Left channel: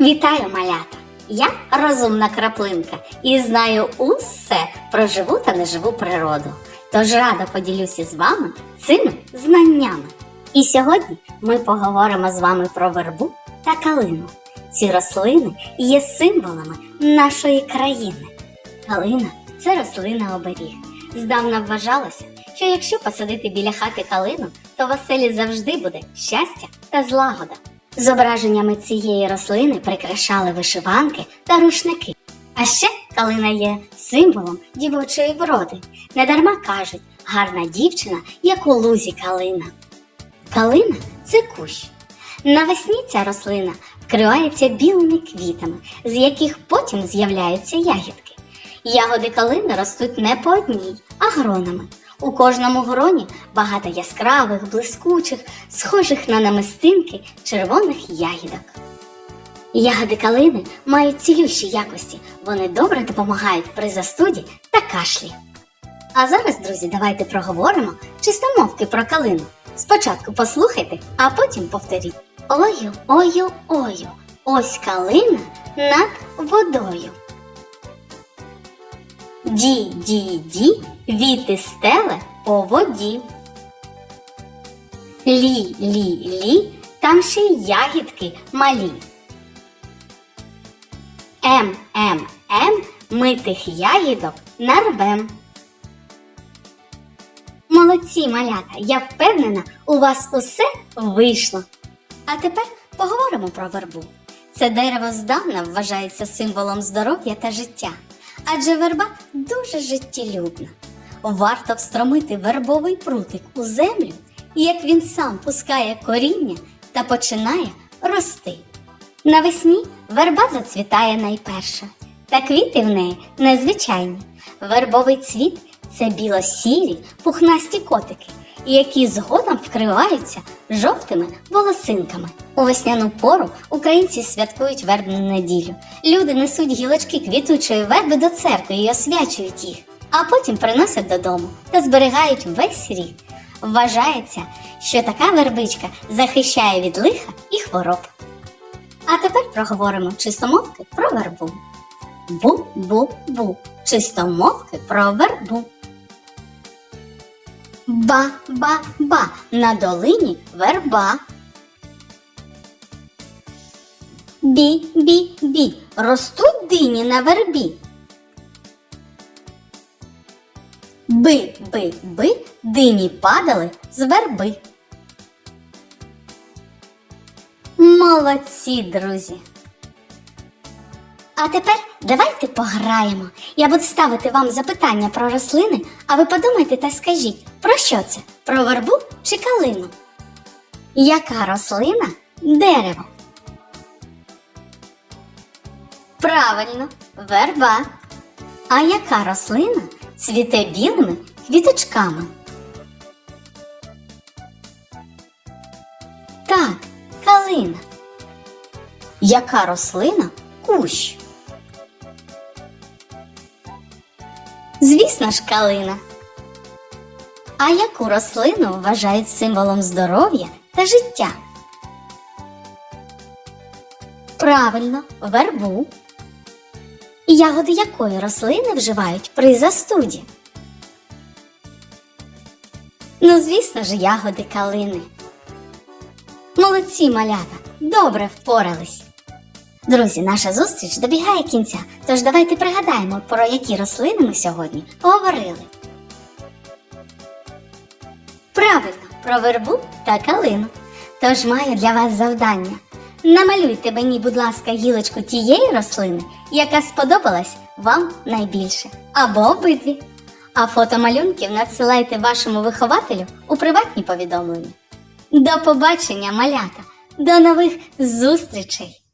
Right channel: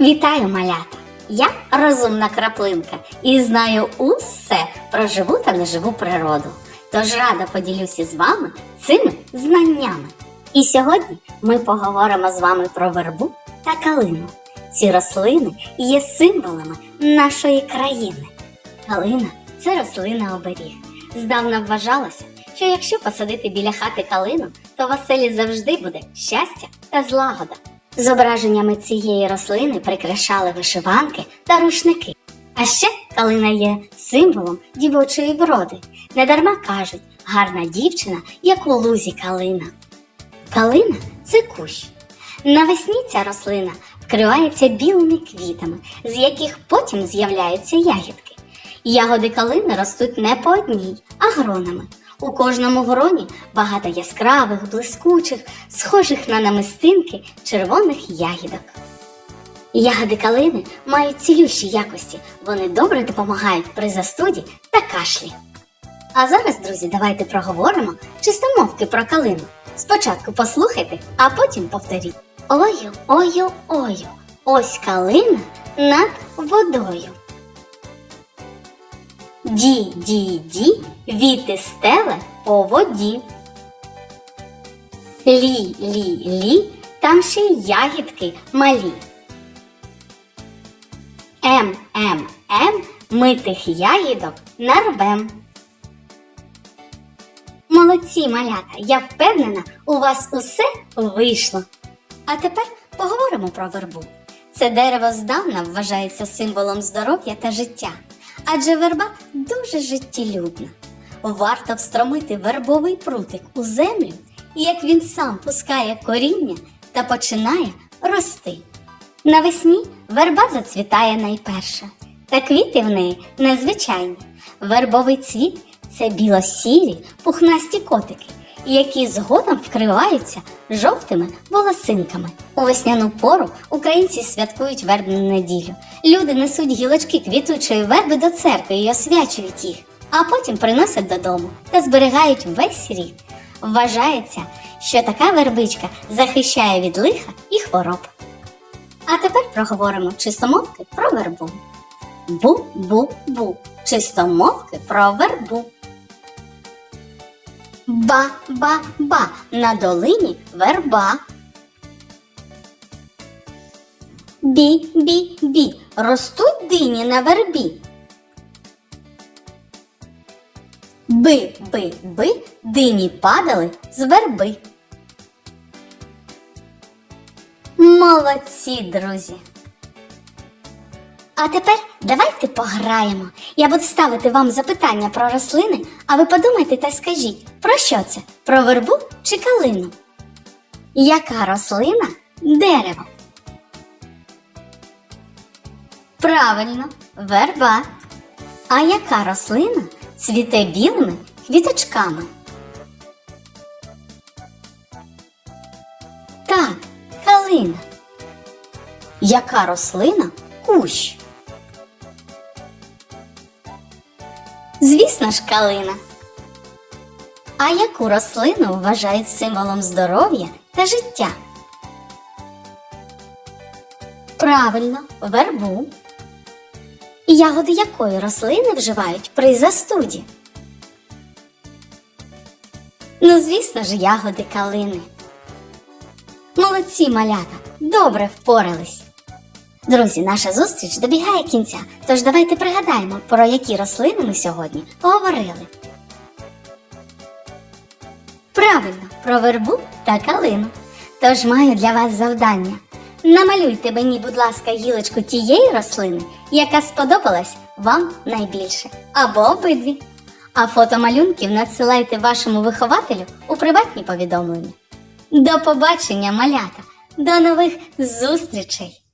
Вітаю, малята! Я розумна краплинка і знаю усе про живу та неживу природу. Тож рада поділюся з вами цими знаннями. І сьогодні ми поговоримо з вами про вербу та калину. Ці рослини є символами нашої країни. Калина це рослина оберіг. Здавна вважалося, що якщо посадити біля хати калину, то в оселі завжди буде щастя та злагода. Зображеннями цієї рослини прикрашали вишиванки та рушники. А ще калина є символом дівочої вроди. Недарма кажуть, гарна дівчина, як у лузі калина. Калина це кущ. Навесні ця рослина вкривається білими квітами, з яких потім з'являються ягідки. Ягоди калини ростуть не по одній, а гронами. У кожному гроні багато яскравих, блискучих, схожих на намистинки червоних ягідок. Ягоди калини мають цілющі якості, вони добре допомагають при застуді та кашлі. А зараз, друзі, давайте проговоримо чистомовки про калину. Спочатку послухайте, а потім повторіть. Ою, ою, ою, ось калина над водою. Ді, ді, ді, віти стеле по воді. Лі, лі, лі, там ще й ягідки малі. Ем, ем, ем, ми тих ягідок нарвем. Молодці, малята, я впевнена, у вас усе вийшло. А тепер поговоримо про вербу. Це дерево здавна вважається символом здоров'я та життя, адже верба дуже життєлюбна. Варто встромити вербовий прутик у землю, як він сам пускає коріння та починає рости. Навесні верба зацвітає найперша, та квіти в неї незвичайні. Вербовий цвіт це біло-сірі пухнасті котики, які згодом вкриваються жовтими волосинками. У весняну пору українці святкують вербну неділю. Люди несуть гілочки квітучої верби до церкви і освячують їх, а потім приносять додому та зберігають весь рік. Вважається, що така вербичка захищає від лиха і хвороб. А тепер проговоримо чистомовки про вербу. Бу-бу-бу. Чистомовки про вербу. Ба-ба-ба. На долині верба. Бі-бі-бі. Ростуть дині на вербі. Би-би-би. Дині падали з верби. Молодці, друзі! А тепер давайте пограємо. Я буду ставити вам запитання про рослини, а ви подумайте та скажіть, про що це? Про вербу чи калину? Яка рослина дерево? Правильно, верба. А яка рослина цвіте білими квіточками? Так, калина. Яка рослина кущ? Звісно ж, калина. А яку рослину вважають символом здоров'я та життя? Правильно, вербу. Ягоди якої рослини вживають при застуді? Ну, звісно ж, ягоди калини. Молодці малята, добре впорались. Друзі, наша зустріч добігає кінця, тож давайте пригадаємо, про які рослини ми сьогодні поговорили. Правильно, про вербу та калину. Тож маю для вас завдання. Намалюйте мені, будь ласка, гілочку тієї рослини, яка сподобалась вам найбільше, або обидві. А фото малюнків надсилайте вашому вихователю у приватні повідомлення. До побачення, малята! До нових зустрічей!